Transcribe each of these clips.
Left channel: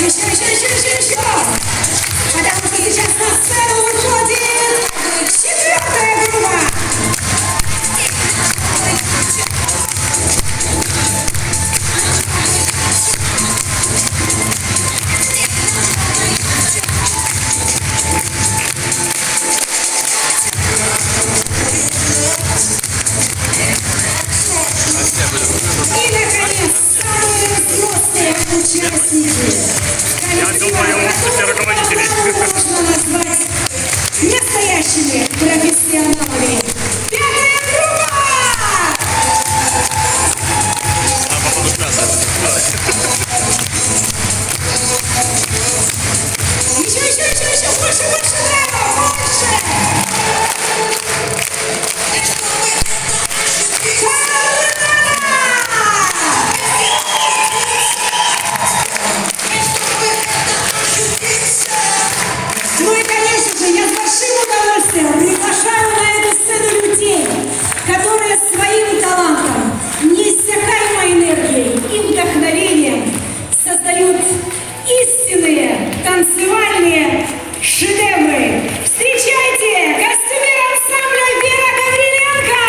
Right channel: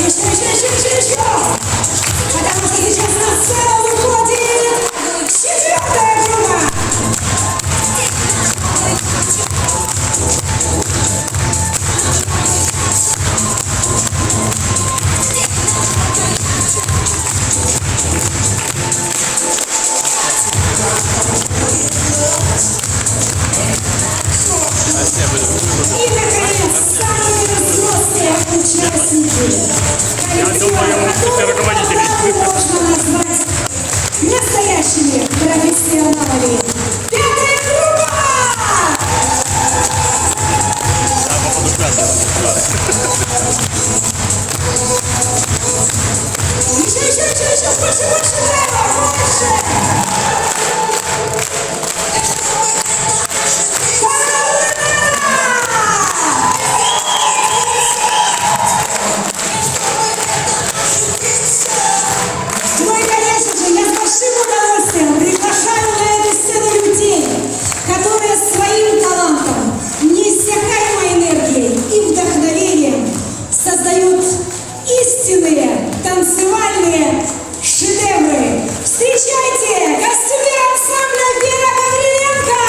Еще. Потому что сейчас на сцену выходит четвертая группа. И, наконец, самые взрослые участники. Я думаю, все руководители. Можно назвать настоящими профессионалами. Первая группа! Еще, больше, браво, Ну и, конечно же, я с большим удовольствием приглашаю на эту сцену людей, которые своим талантом, неиссякаемой энергией и вдохновением создают истинные танцевальные шедевры. Встречайте костюмер ансамбля Вера Гавриленко!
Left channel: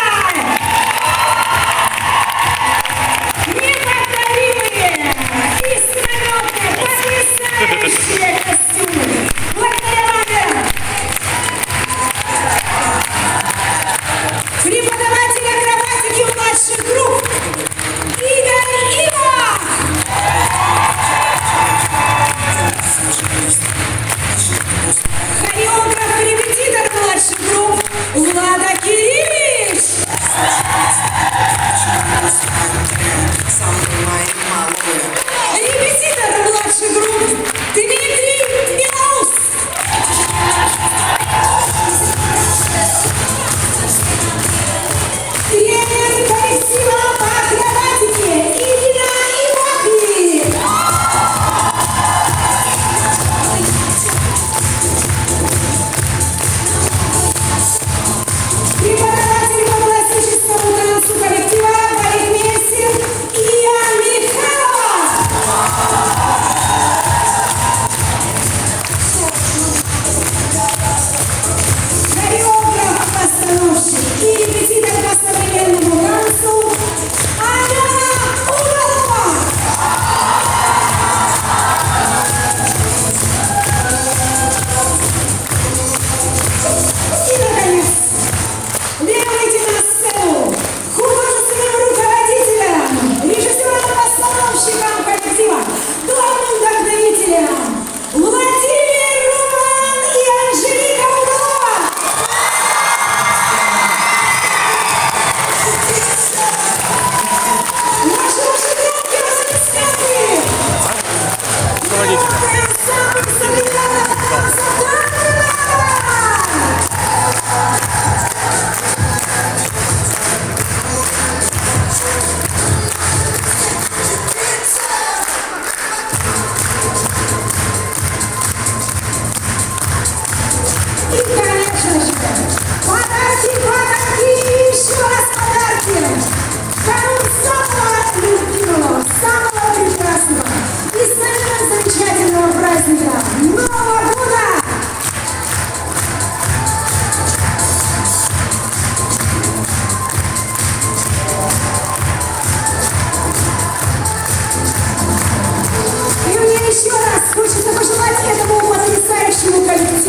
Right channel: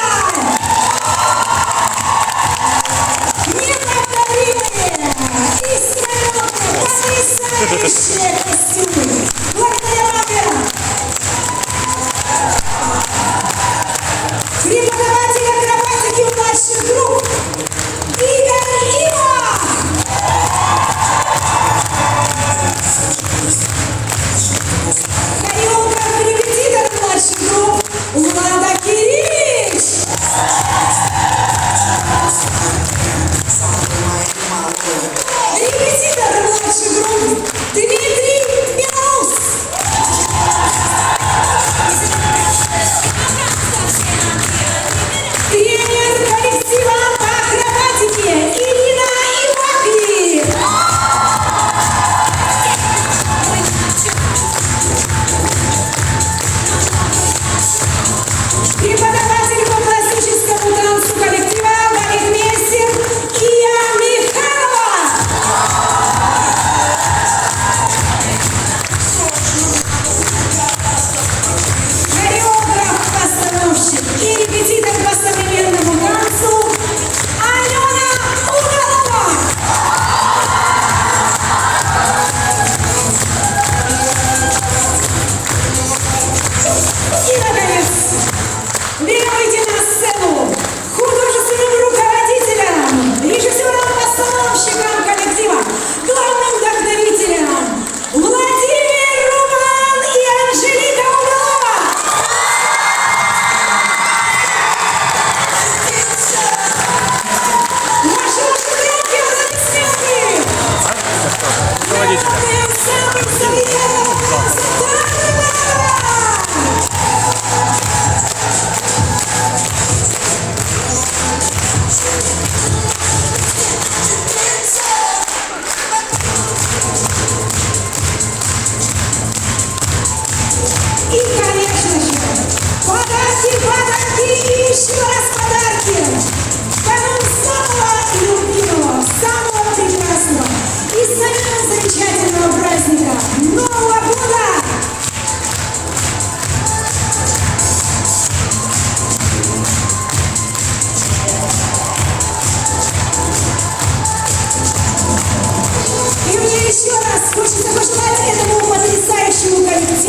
Неповторимые, искрометные, потрясающие костюмы! Преподаватель акробатики младших групп Игорь Ива! Хореограф-репетитор младших групп Влада Кириллович! Репетитор младших групп Дмитрий Белоус! Тренер коллектива по акробатике Ирина Иваки! Преподаватель по классическому танцу коллектива балетмейстер Ия Михайлова! Хореограф-постановщик и репетитор по современному танцу Алена Удалова! И, наконец, требуйте на сцену художественным руководителям, режиссерам-постановщикам коллектива, главным вдохновителям Владимир, Роман и Анжелика Удалова! Наши громкие аплодисменты! Руководителя. Главный ансамбль современного танца! И, конечно же, подарки и еще раз подарки! Даром самого любимого, самого прекрасного и самого замечательного праздника Нового года! И мне еще раз хочется пожелать этому потрясающему коллективу